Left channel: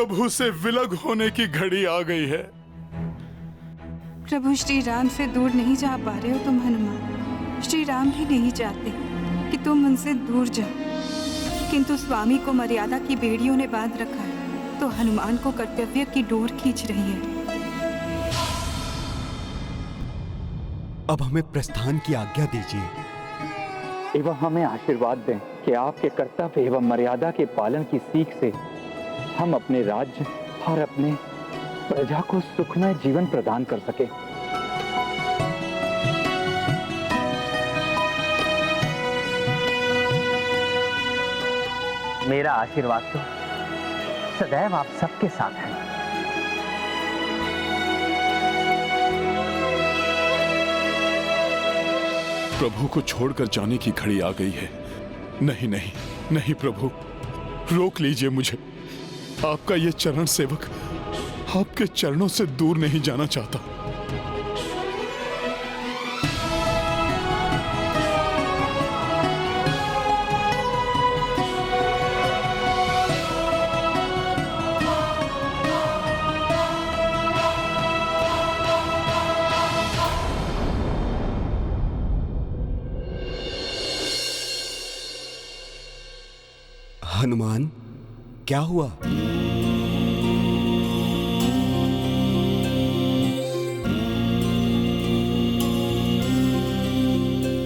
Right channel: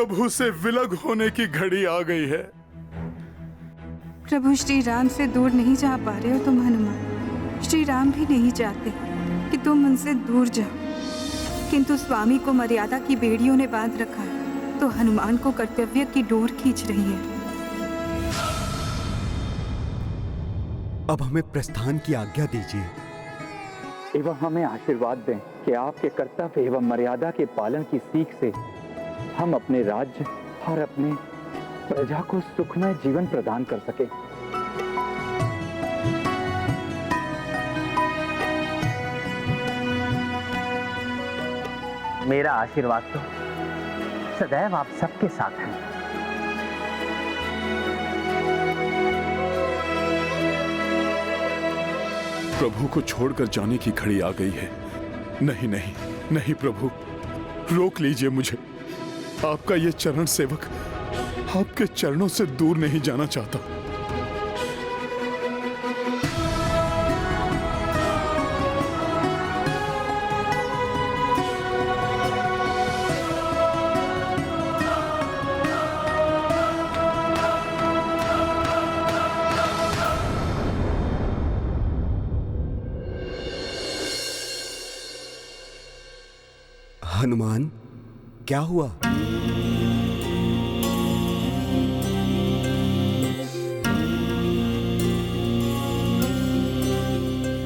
प्रभु से विलग होने की घड़ी आ गई है। प्रभु श्री राम से दूर नहीं जा पा रहे हो तुम हनुमान। श्री राम भी नहीं चाहते कि तुम उनसे दूर जाओ, किंतु स्वामी को मर्यादा की बेड़ियों ने बांध रखा है, तो हनुमान को कर्तव्य की डोर खींच रही है। अब हमें प्रस्थान की आज्ञा दीजिए एवं हमें आशीर्वाद दें कि आपके कर्तव्य एवं मर्यादा के पालन की सीख से हम अपने राज्य और अपने प्रजा को सुखमय जीवन प्रदान कर सके। मेरा आशीर्वाद तो सदैव आप सबके साथ है। प्रभु को छोड़कर जाने की घड़ी आ गई है। नहीं नहीं नहीं प्रभु, रोक लीजिए मुझे। आपका ये चरण सेवक आपके चरणों से दूर नहीं जाना चाहता। हनुमान, क्या हुआ?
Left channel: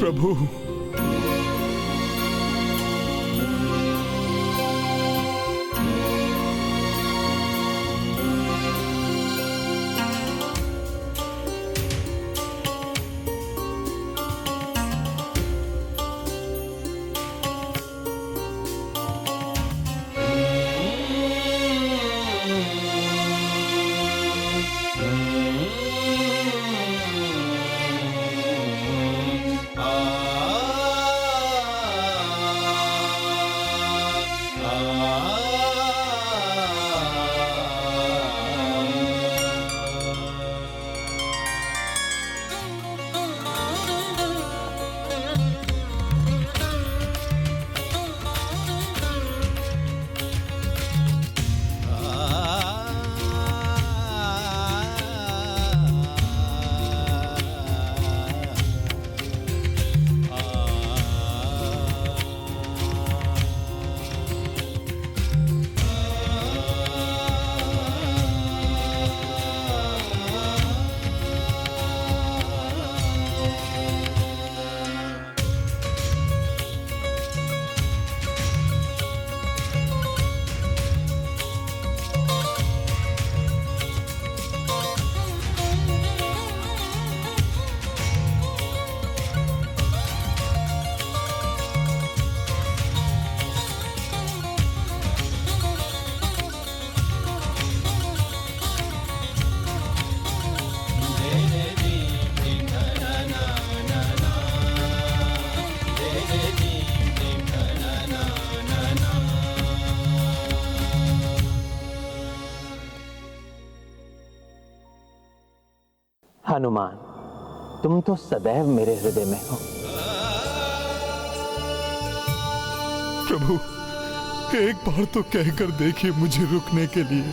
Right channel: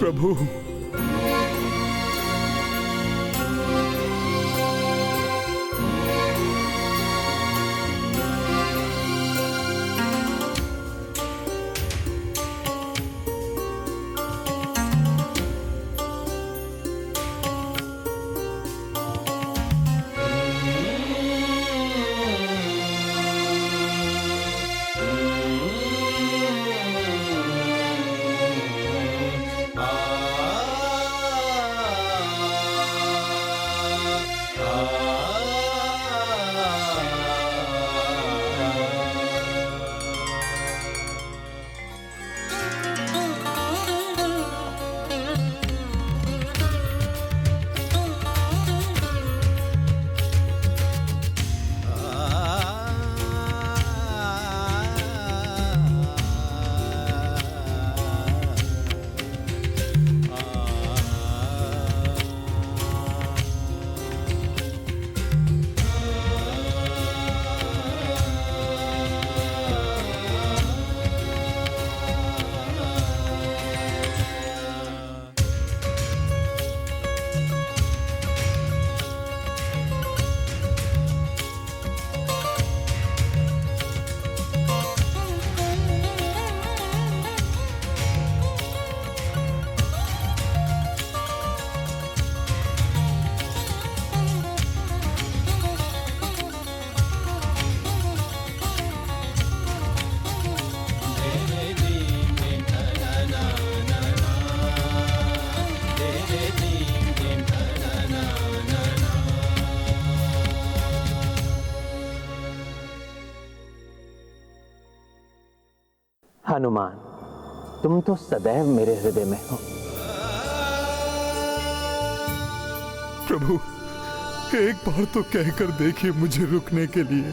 प्रभु, हनुमान, तुम तो सदैव मेरे हृदय में हो। प्रभु, एक बार तो कहकर देखिए मुझे रुकने के लिए।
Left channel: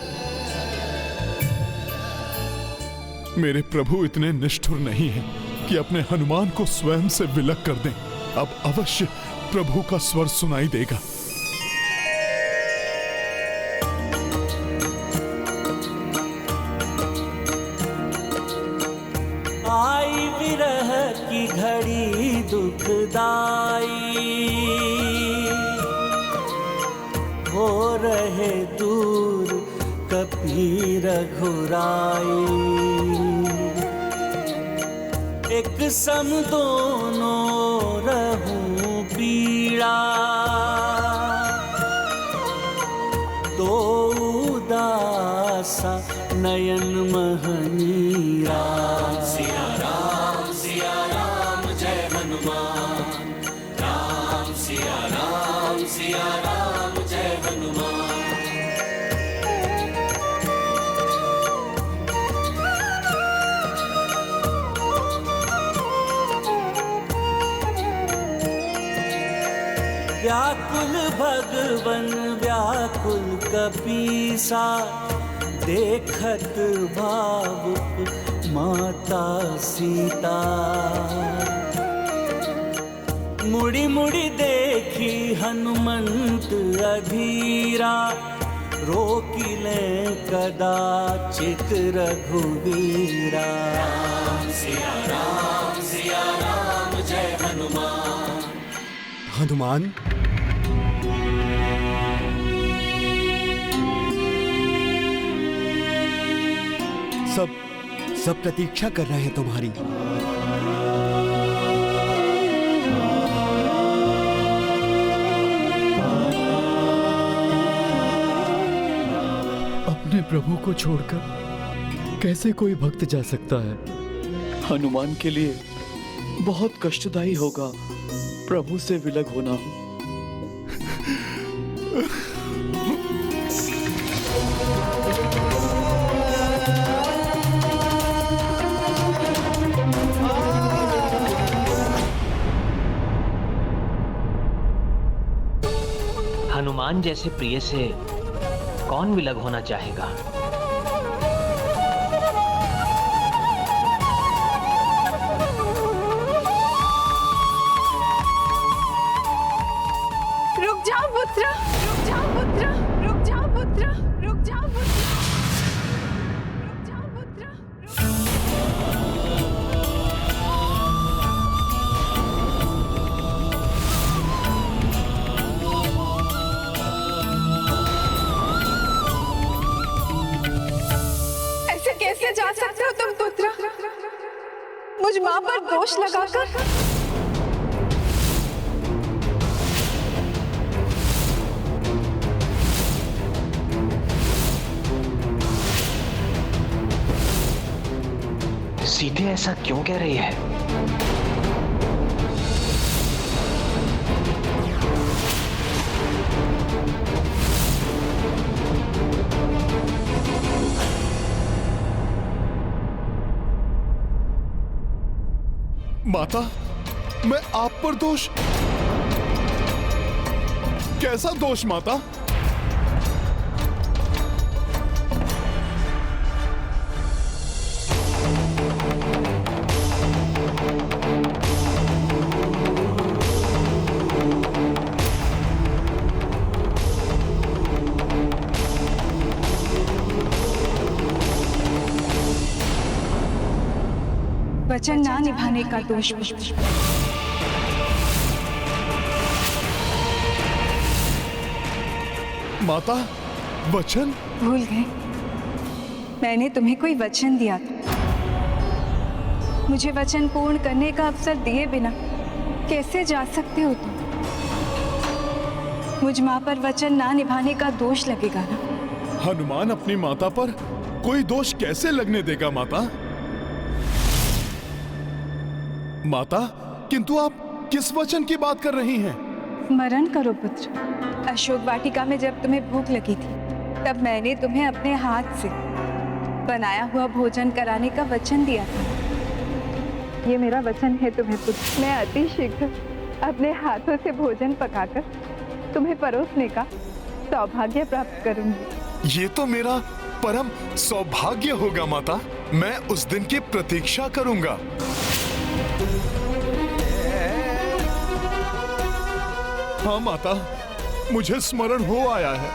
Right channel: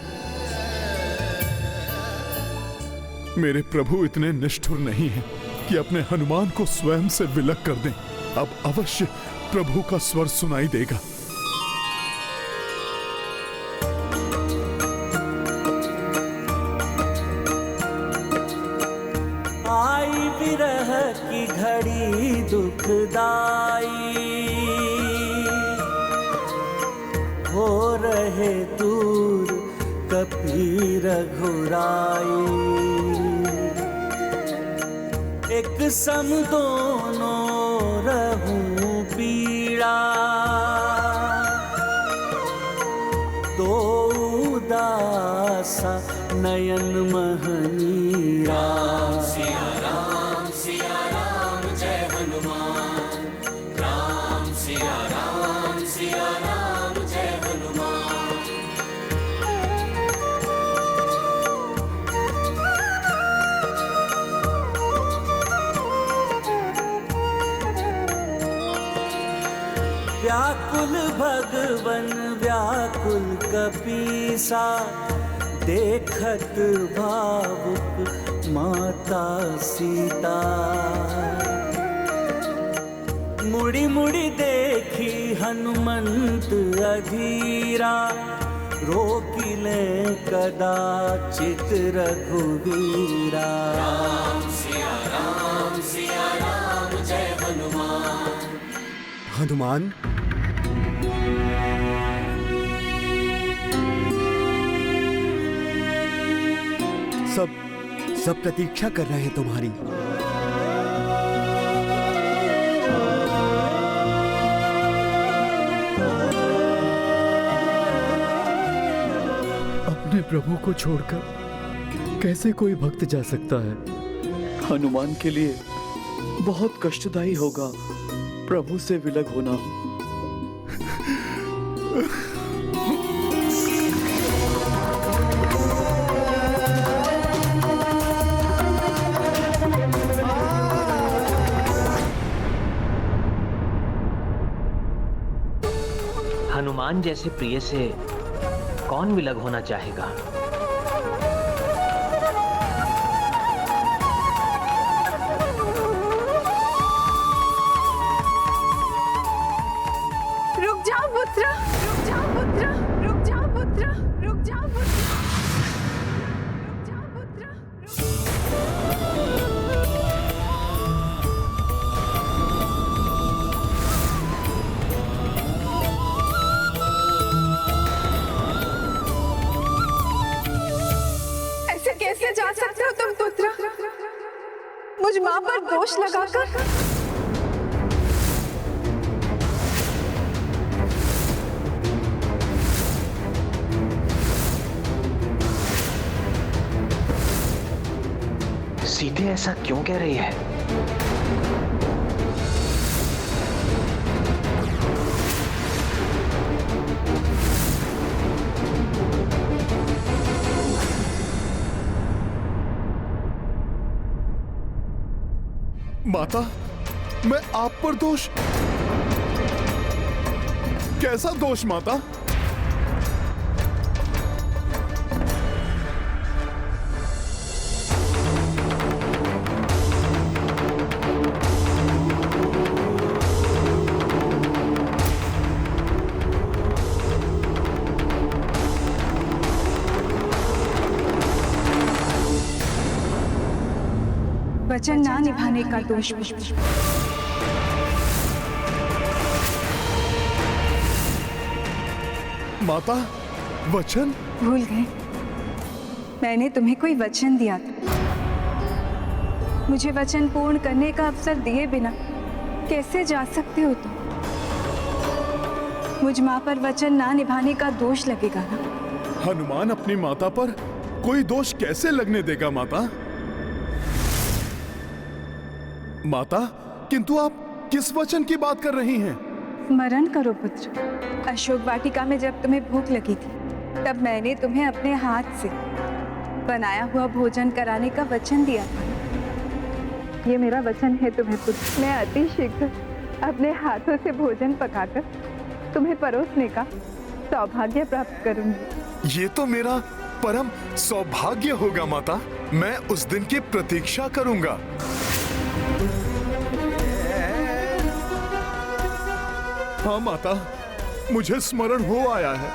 मेरे प्रभु इतने निष्ठुर नहीं हैं कि अपने हनुमान को स्वयं से विलग कर दें। अब अवश्य प्रभु का स्वर सुनाई देगा। आई विरह की घड़ी दुखदाई, हो रहे दूर कपी रघुराई। एक सम दोनों रहूं पीड़ा, दो उदासा नयन महनीरा। सिया राम जय हनुमान, राम सिया राम जय हनुमान। व्याकुल भगवन व्याकुल कपीसा, देखत भावुक माता सीता। मुड़ी मुड़ी देखी हनुमंत अधीरा, रोकिले कदाचित रघुवीरा। सिया राम जय हनुमान। हनुमान, सब प्रतीक्षा कर रहे हैं तुम्हारी। अपने प्रभु को छोड़कर कैसे कोई भक्त जा सकता है? हनुमान के लिए बहुत कष्टदायी होगा प्रभु से विलग होना। हनुमान जैसे प्रिय से कौन विलग होना चाहेगा? रुक जाओ पुत्र, रुक जाओ पुत्र, रुक जाओ पुत्र, रुक जाओ पुत्र, रुक जाओ पुत्र। ऐसे कैसे जा सकते हो तुम पुत्र, मुझ माँ पर दोष लगाकर? सीधे ऐसा क्यों कह रही है? माता, मैं आप पर दोष? कैसा दोष माता? वचन ना निभाने का दोष। माता, वचन? भूल गए, मैंने तुम्हें कोई वचन दिया था। मुझे वचन पूर्ण करने का अवसर दिए बिना कैसे जा सकते हो तुम? मुझ माँ पर वचन ना निभाने का दोष लगेगा ना? हनुमान अपनी माता पर कोई दोष कैसे लगने देगा माता? माता, किंतु आप किस वचन की बात कर रही हैं? स्मरण करो पुत्र, अशोक वाटिका में जब तुम्हें भूख लगी थी, तब मैंने तुम्हें अपने हाथ से बनाया हुआ भोजन कराने का वचन दिया था। ये मेरा वचन है तुम्हें पुत्र, मैं अति शीघ्र अपने हाथों से भोजन पकाकर तुम्हें परोसने का सौभाग्य प्राप्त करूंगी। ये तो मेरा परम सौभाग्य होगा माता। मैं उस दिन की प्रतीक्षा करूंगा। हाँ माता, मुझे स्मरण हो आया है।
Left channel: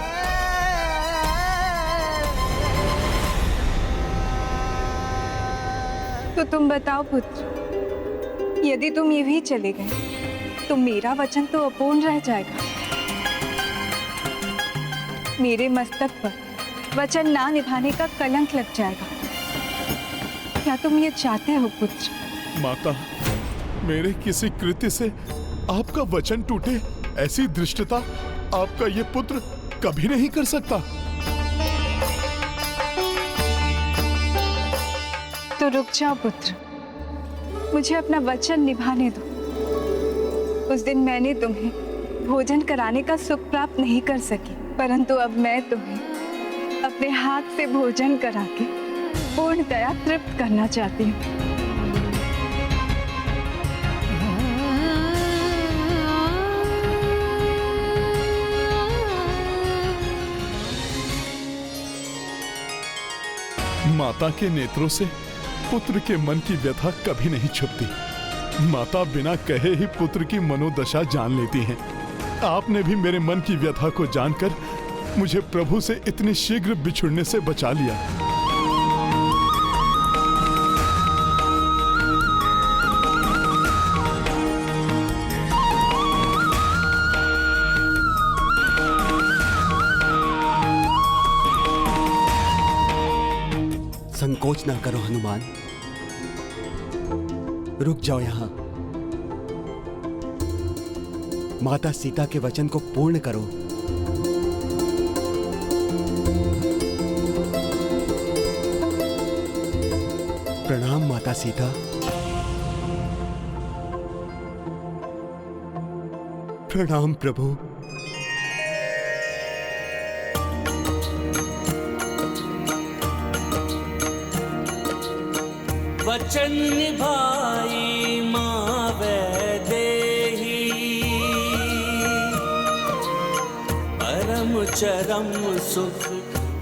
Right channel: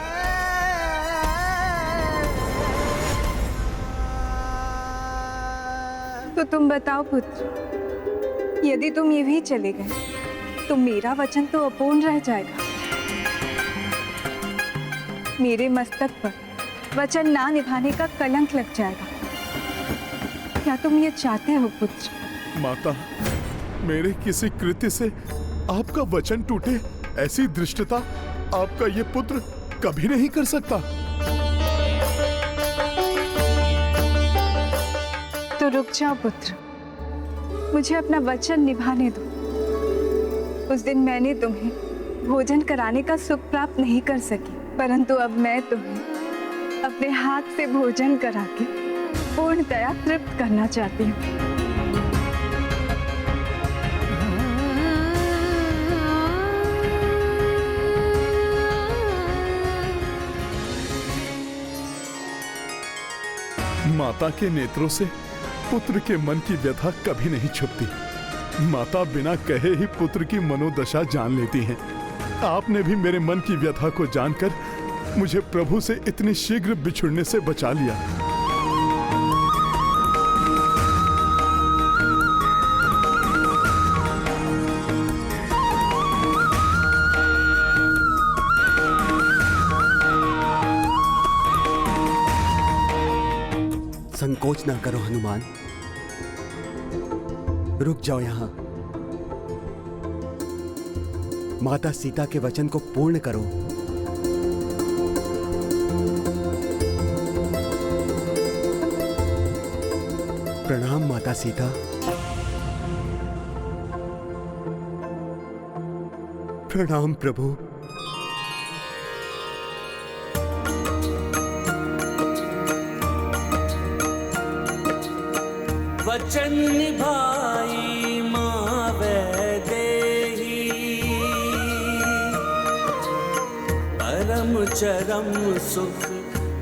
तो तुम बताओ पुत्र, यदि तुम ये भी चले गए तो मेरा वचन तो अपूर्ण रह जाएगा। मेरे मस्तक पर वचन ना निभाने का कलंक लग जाएगा। क्या तुम ये चाहते हो पुत्र? माता, मेरे किसी कृत्य से आपका वचन टूटे, ऐसी धृष्टता आपका ये पुत्र कभी नहीं कर सकता। तो रुक जाओ पुत्र, मुझे अपना वचन निभाने दो। उस दिन मैंने तुम्हें भोजन कराने का सुख प्राप्त नहीं कर सकी, परंतु अब मैं तुम्हें अपने हाथ से भोजन करा के पूर्णतया तृप्त करना चाहती हूँ। माता के नेत्रों से पुत्र के मन की व्यथा कभी नहीं छुपती। माता बिना कहे ही पुत्र की मनोदशा जान लेती हैं। आपने भी मेरे मन की व्यथा को जानकर मुझे प्रभु से इतनी शीघ्र बिछुड़ने से बचा लिया। संकोच ना करो हनुमान, रुक जाओ यहां। माता सीता के वचन को पूर्ण करो। प्रणाम माता सीता। प्रणाम प्रभु। वचन निभाई माँ वैदेही, परम चरम सुख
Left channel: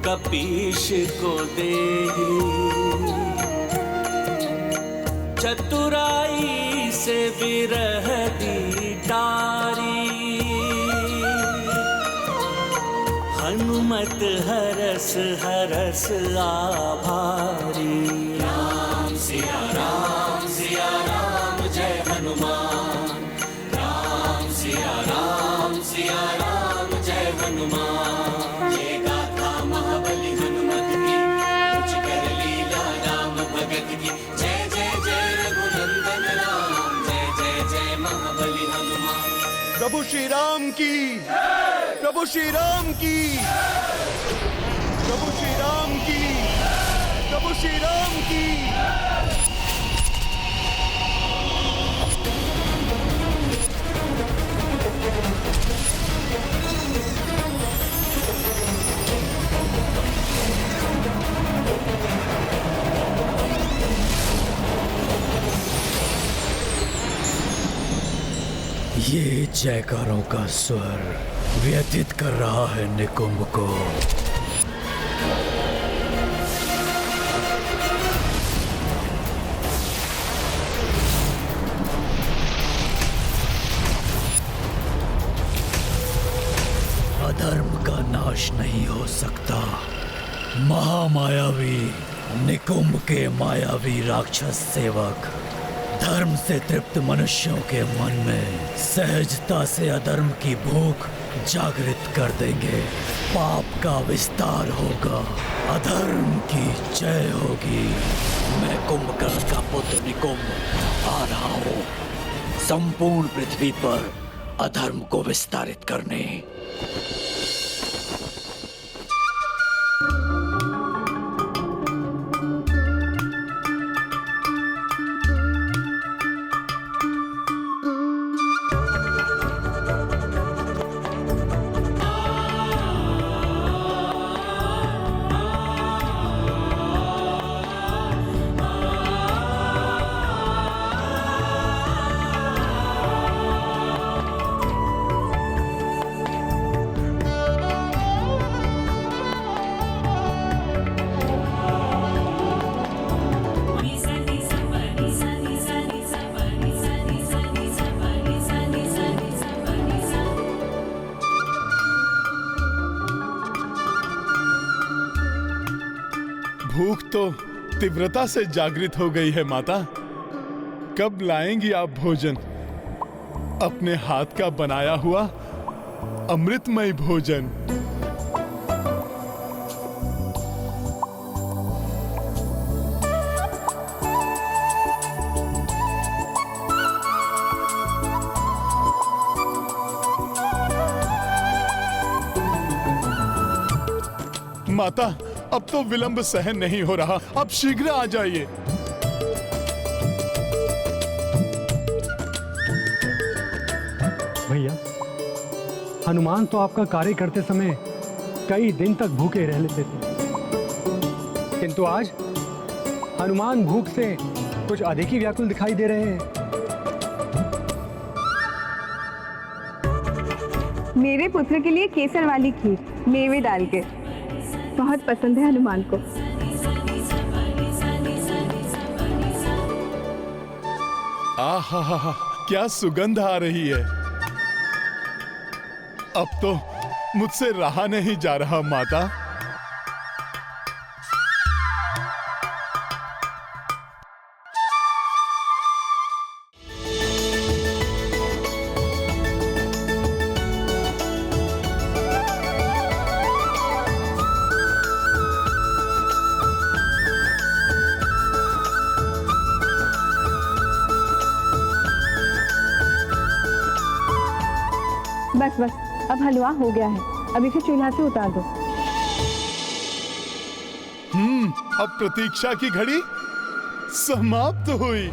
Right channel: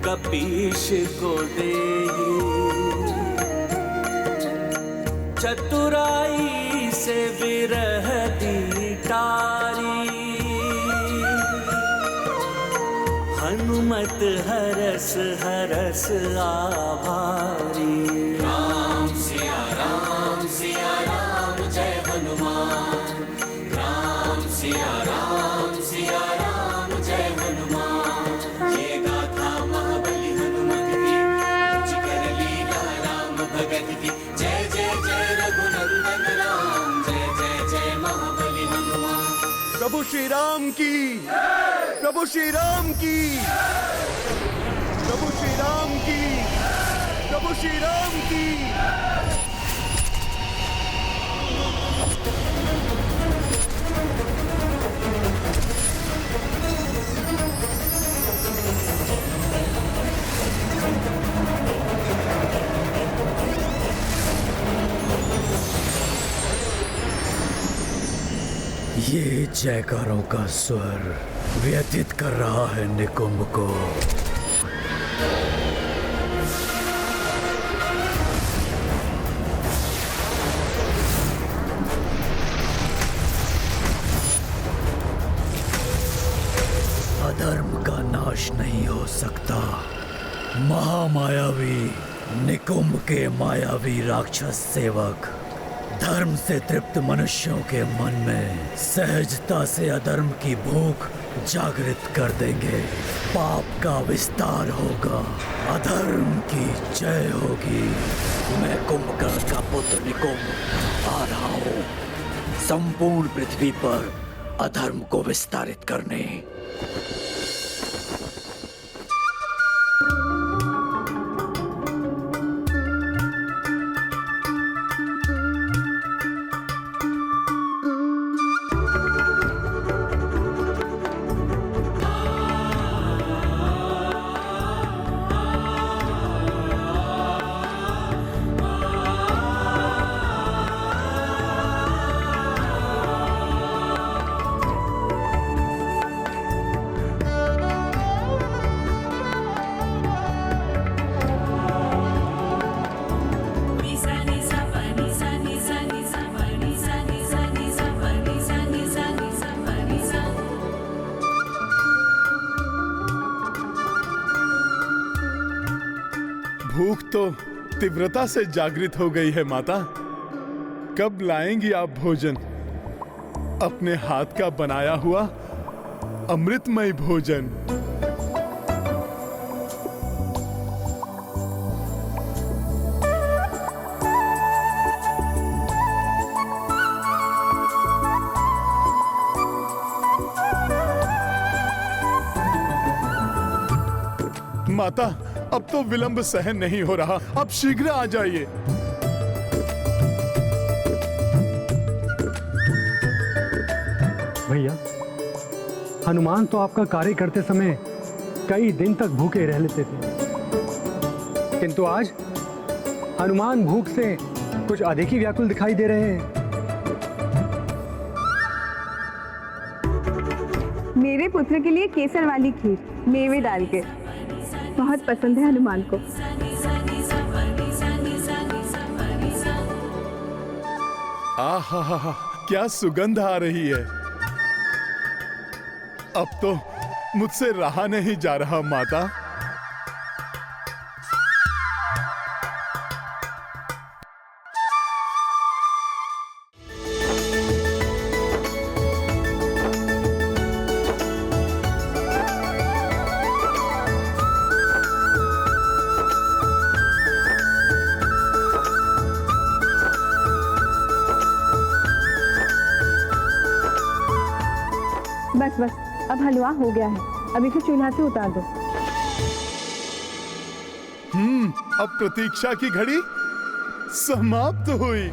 कपीश को देही। चतुराई से विरह दी टारी, हनुमत हरस हरस आभारी। राम सिया राम जय हनुमान। राम सिया राम जय हनुमान। ये गाथा महाबली हनुमत की, कुछ कर लीला राम भगत की। जय जय जय रघुनंदन राम, जय जय जय महाबली हनुमान। प्रभु श्री राम की, प्रभु श्री राम की, प्रभु श्री राम की, प्रभु श्री राम की। ये जयकारों का स्वर व्यतीत कर रहा है निकुंभ को। अधर्म का नाश नहीं हो सकता। महामायावी निकुंभ के मायावी राक्षस सेवक धर्म से तृप्त मनुष्यों के मन में सहजता से अधर्म की भूख जागृत कर देंगे। पाप का विस्तार होगा, अधर्म की जय होगी। मैं कुंभकर्ण का पुत्र निकुंभ आ रहा हूँ संपूर्ण पृथ्वी पर अधर्म को विस्तारित करने। भूख तो तीव्रता से जागृत हो गई है माता। कब लाएंगी आप भोजन? अपने हाथ का बनाया हुआ अमृतमय भोजन। माता, अब तो विलंब सहन नहीं हो रहा, अब शीघ्र आ जाइए। भैया, हनुमान तो आपका कार्य करते समय कई दिन तक भूखे रह लेते थे, किंतु आज हनुमान भूख से कुछ अधिक ही व्याकुल दिखाई दे रहे हैं। मेरे पुत्र के लिए केसर वाली खीर मेवे डाल के बहुत पसंद है हनुमान को। आहा हा हा, क्या सुगंध आ रही है। अब तो मुझसे रहा नहीं जा रहा माता। बस बस, अब हलवा हो गया है, अब इसे चूल्हा से उतार दो। अब प्रतीक्षा की घड़ी समाप्त हुई।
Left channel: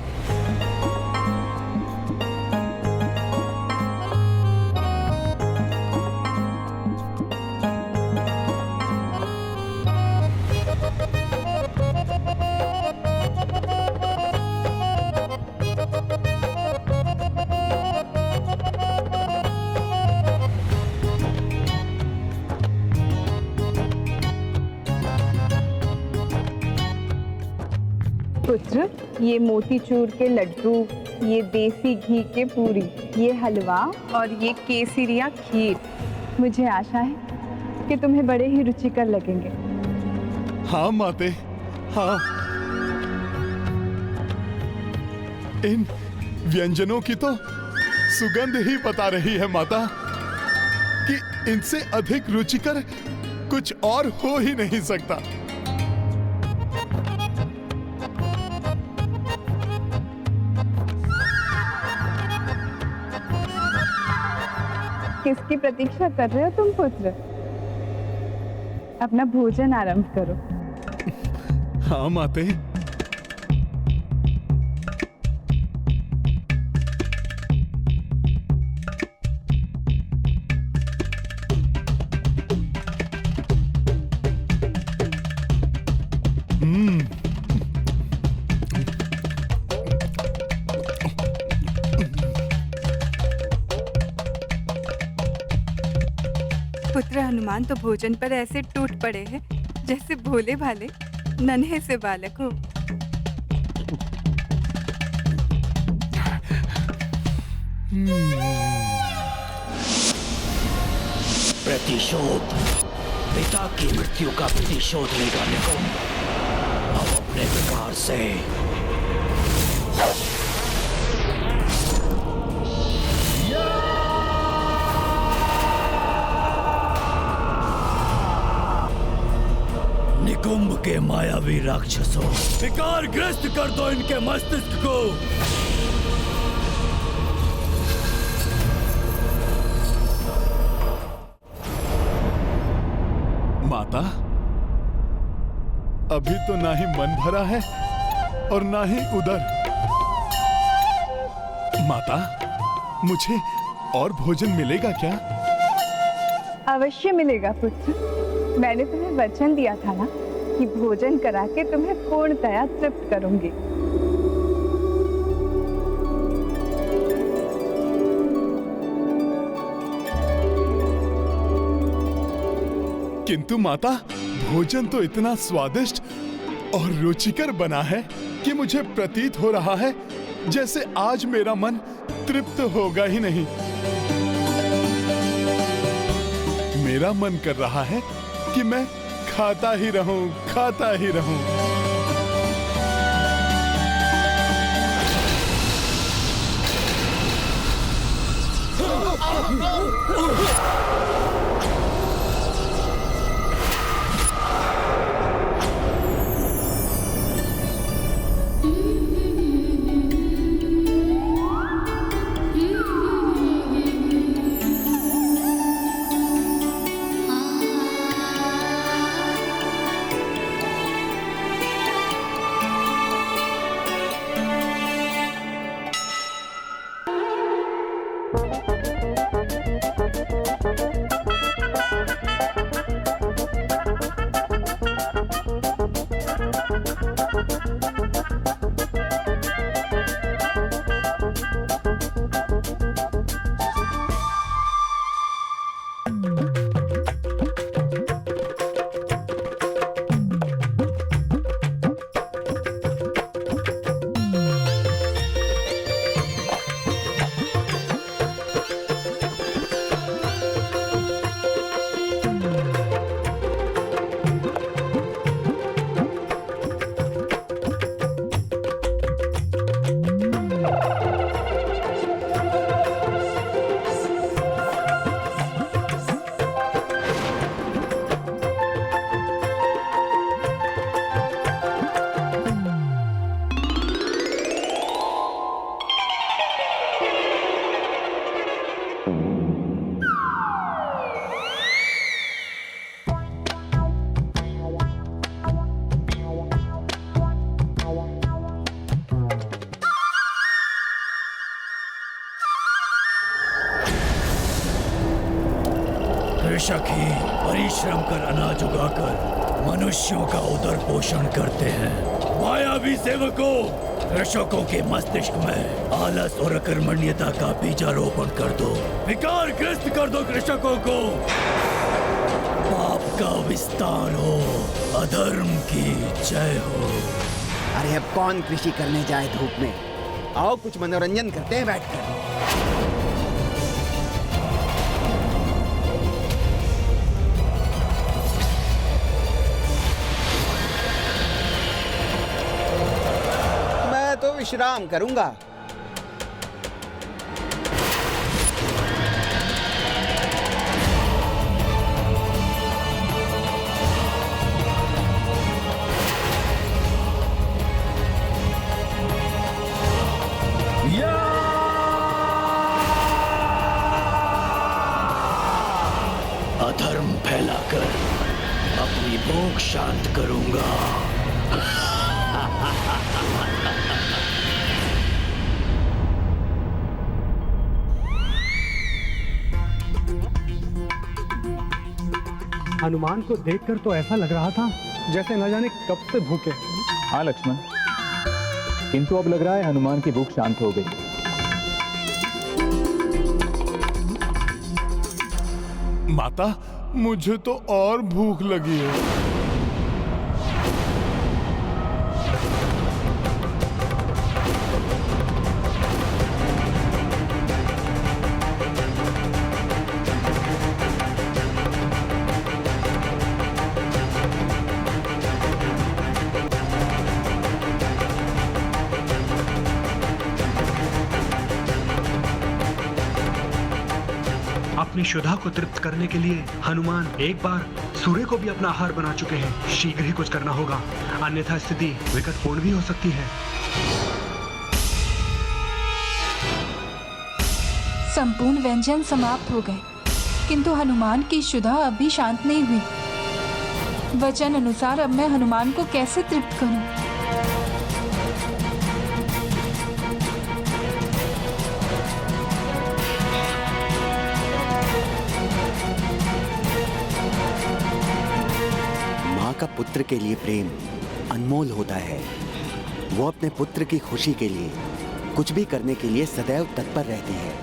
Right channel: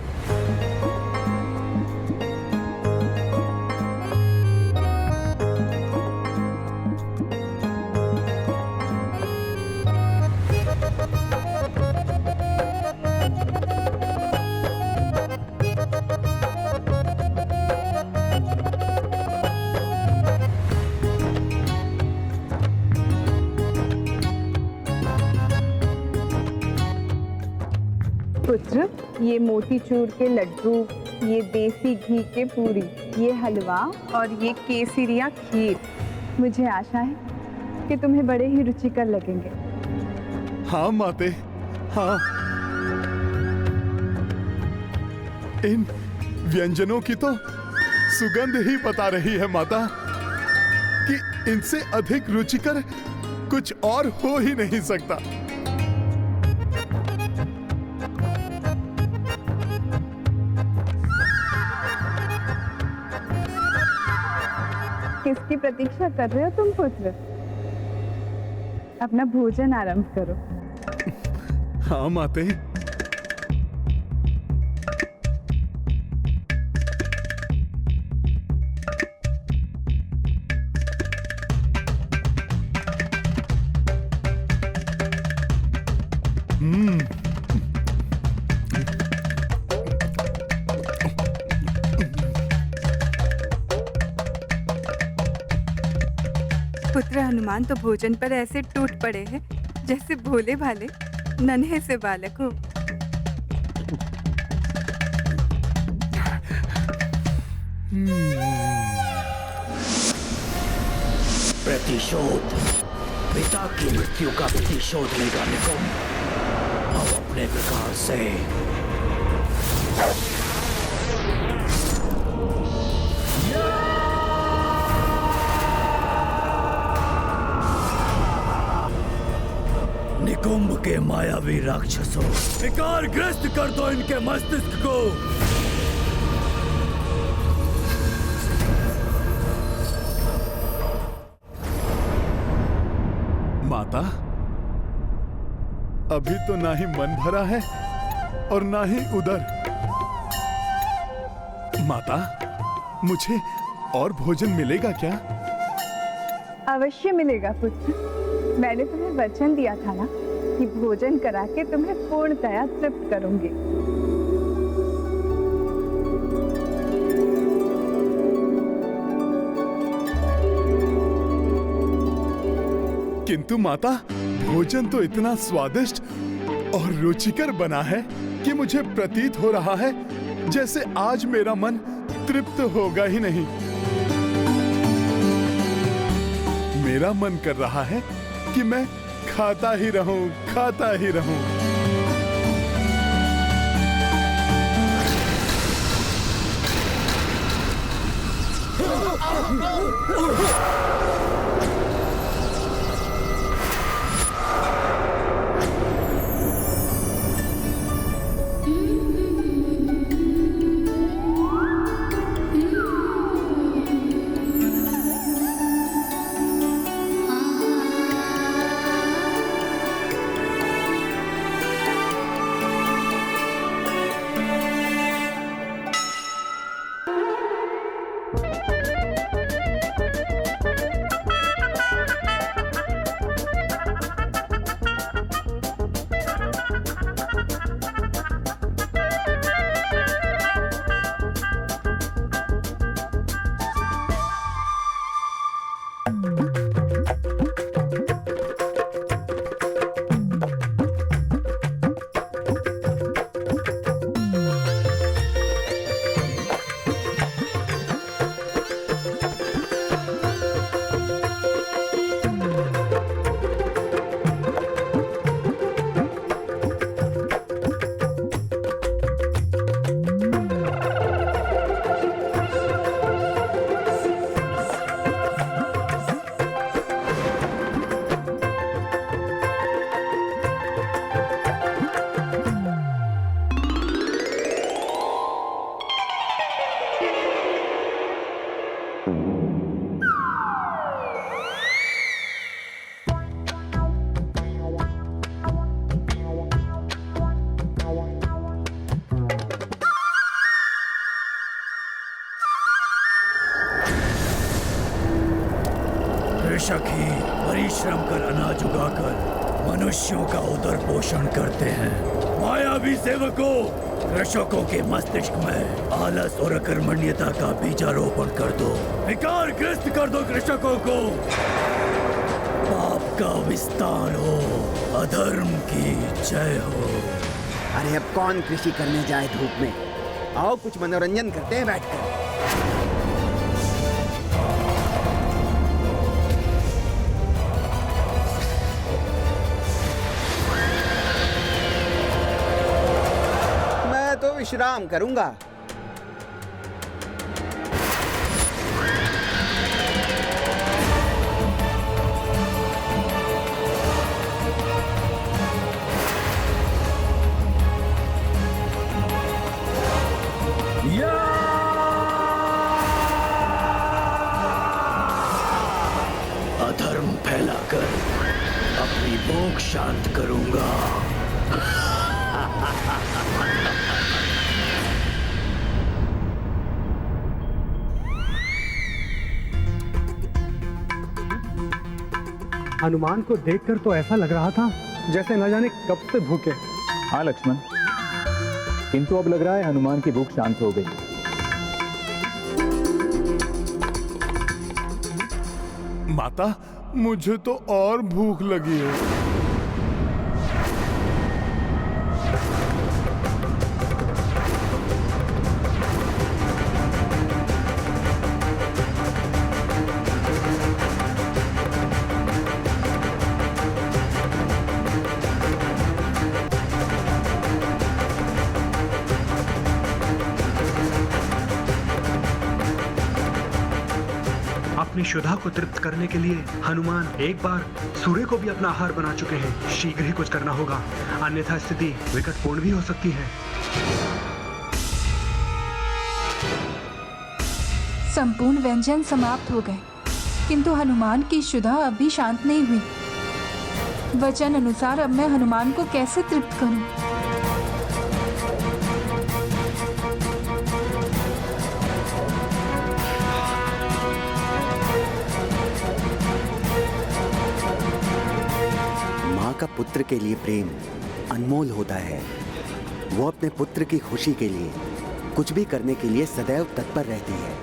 पुत्र, ये मोतीचूर के लड्डू, ये देसी घी के पूरी, ये हलवा और ये केसरिया खीर, मुझे आशा है कि तुम्हें बड़े ही रुचिकर लगेंगे। हाँ माते, हाँ। इन व्यंजनों की तो सुगंध ही बता रही है माता कि इनसे अधिक रुचिकर कुछ और हो ही नहीं सकता। किसकी प्रतीक्षा कर रहे हो तुम पुत्र? अपना भोजन आरंभ करो। हाँ माते। पुत्र हनुमान तो भोजन पर ऐसे टूट पड़े हैं जैसे भोले भाले नन्हे से बालक हो। प्रतिशोध, पिता की मृत्यु का प्रतिशोध लेगा निकुंभ। अब अपने प्रकार से निकुंभ के मायावी राक्षसों, विकार ग्रस्त कर दो इनके मस्तिष्क को। माता, अभी तो ना ही मन भरा है और ना ही उदर। माता, मुझे और भोजन मिलेगा क्या? अवश्य मिलेगा पुत्र। मैंने तुम्हें वचन दिया था ना कि भोजन करा के तुम्हें पूर्णतया तृप्त करूंगी। किंतु माता, भोजन तो इतना स्वादिष्ट और रुचिकर बना है कि मुझे प्रतीत हो रहा है जैसे आज मेरा मन तृप्त होगा ही नहीं। मेरा मन कर रहा है कि मैं खाता ही रहूं, खाता ही रहूं। कृषक ही परिश्रम कर अनाज उगाकर मनुष्यों का उदर पोषण करते हैं। मायावी सेवकों, कृषकों के मस्तिष्क में आलस और अकर्मण्यता का बीजारोपण कर दो, विकार ग्रस्त कर दो कृषकों को। पाप का विस्तार हो, अधर्म की जय हो। अरे अब कौन कृषि करने जाए धूप में? आओ कुछ मनोरंजन करते हैं बैठकर। मैं तो विश्राम करूंगा। अधर्म फैलाकर अपनी भूख शांत करूंगा। हनुमान को देखकर तो ऐसा लग रहा था जैसे न जाने कब से भूखे। हाँ लक्ष्मण, किंतु अब लग रहा है हनुमान की भूख शांत हो गई। माता, मुझे तो और भूख लगी है। अपनी शुदा को तृप्त करने के लिए हनुमान एक बार सूर्य को भी अपना आहार बना चुके हैं। शीघ्र ही कुछ करना होगा, अन्यथा स्थिति विकटपूर्ण भी हो सकती है। संपूर्ण व्यंजन समाप्त हो गए, किंतु हनुमान की शुदा अभी शांत नहीं हुई। वचन अनुसार अब मैं हनुमान को कैसे तृप्त करूं? माँ का पुत्र के लिए प्रेम अनमोल होता है। वो अपने पुत्र की खुशी के लिए कुछ भी करने के लिए सदैव तत्पर रहती है।